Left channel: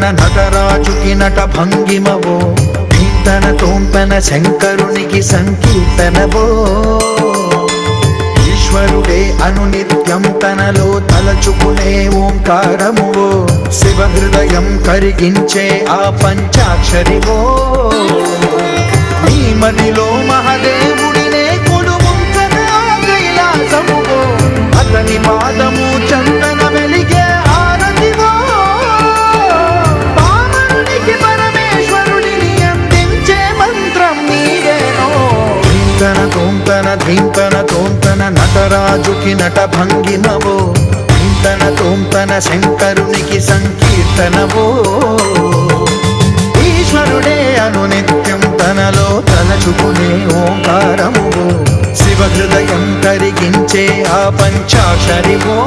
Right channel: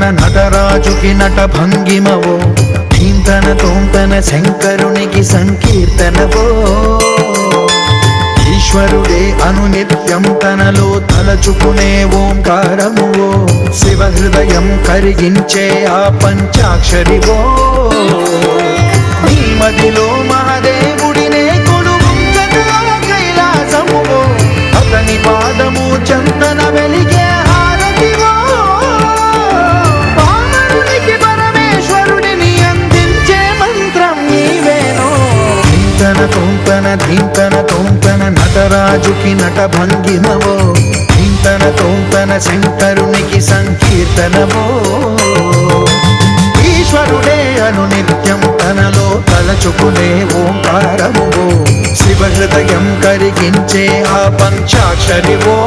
తోంతన నటరాజుకి నట భంగిమవో, ధీంతన తోంతన శంకరునికి సంకీర్తనవో. ఈశ్వరుడే అనునిత్యం తనలో తలచుకునే ఓంకారమువో, శివ హృదయం కరిగించే ఆ పంచాక్షరివో. నీ మదిలో మహదేవుడినే కొలువుంకగా కైలాసమువో, అతని పాదము చందన వెలిగే హారతివో. పామరునికి పరమేశ్వరుడిని అందించే మంత్రం నీవేనో. ధీంతన తోంతన ధీంతన తోంతన నటరాజుకి నట భంగిమవో, ధీంతన తోంతన శంకరునికి సంకీర్తనవో. ఈశ్వరుడే అనునిత్యం తనలో తలచుకునే ఓంకారమువో, శివ హృదయం కరిగించే ఆ పంచాక్షరివో.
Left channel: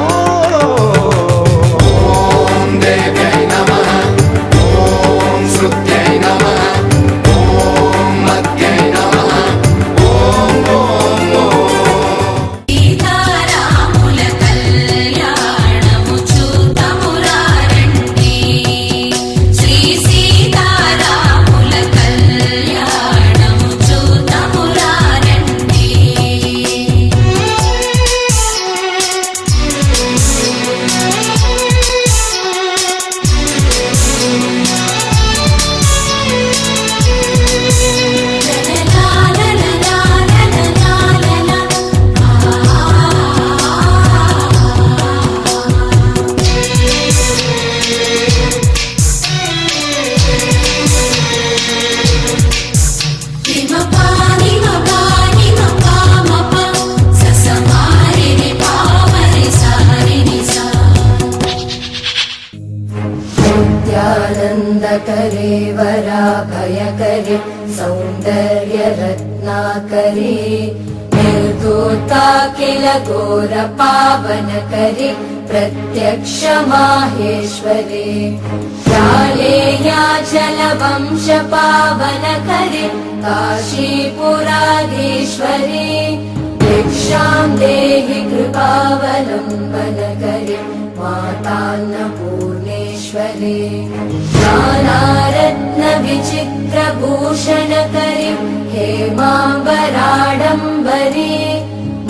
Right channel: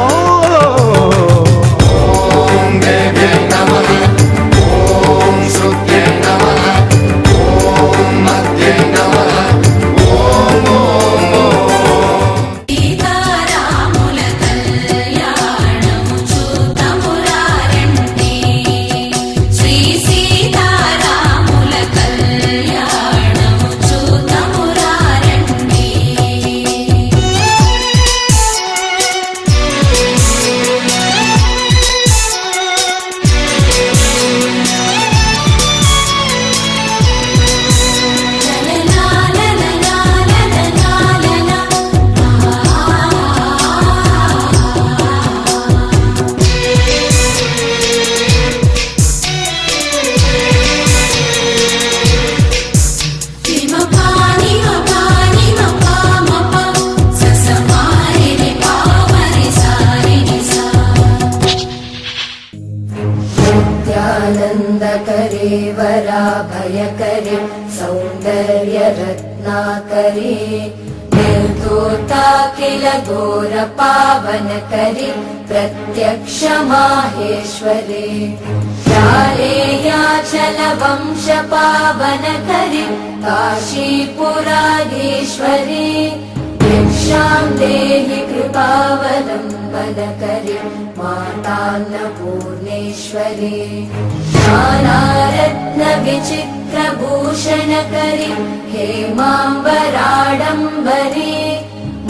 नित्यानन्दकरे वराभयकरे सौन्दर्यरत्नाकरे निर्धूताखिल घोरपावनकरे प्रत्यक्ष माहेश्वरे जालेयाचलवंशपावनकरे काशीपुराधीश्वरे भिक्षां देहि कृपावलम्बनकरे मातान्नपूर्णेश्वरे नानारत्नविचित्रभूषणकरे हेमाम्बराडम्बरे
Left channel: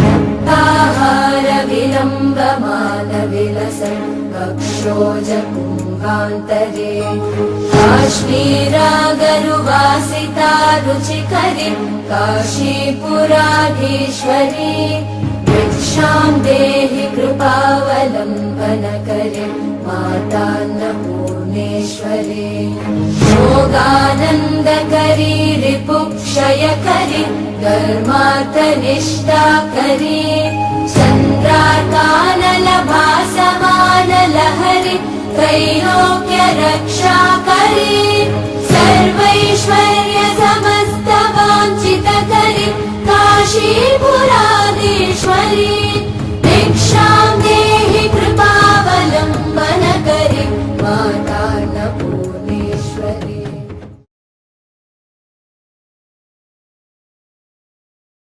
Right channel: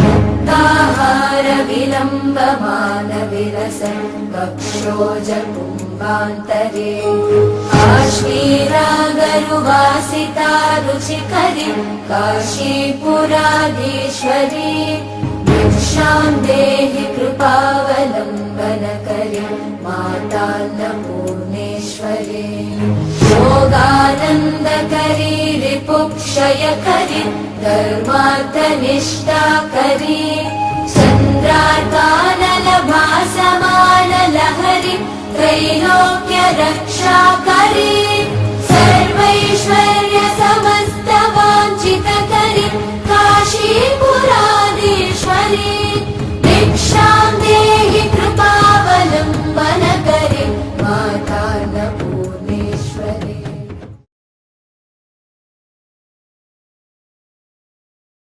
मुक्ताहारविलम्बमानविलसन् वक्षोजकुम्भान्तरे काश्मीरागरुवासिता रुचिकरे काशीपुराधीश्वरे भिक्षां देहि कृपावलम्बनकरे मातान्नपूर्णेश्वरे योगानन्दकरी रिपुक्षयकरी धर्मार्थनिष्ठाकरी चन्द्रार्कानलभासमानलहरि त्रैलोक्यरक्षाकरी सर्वैश्वर्य समस्तवाञ्छितकरी काशीपुरा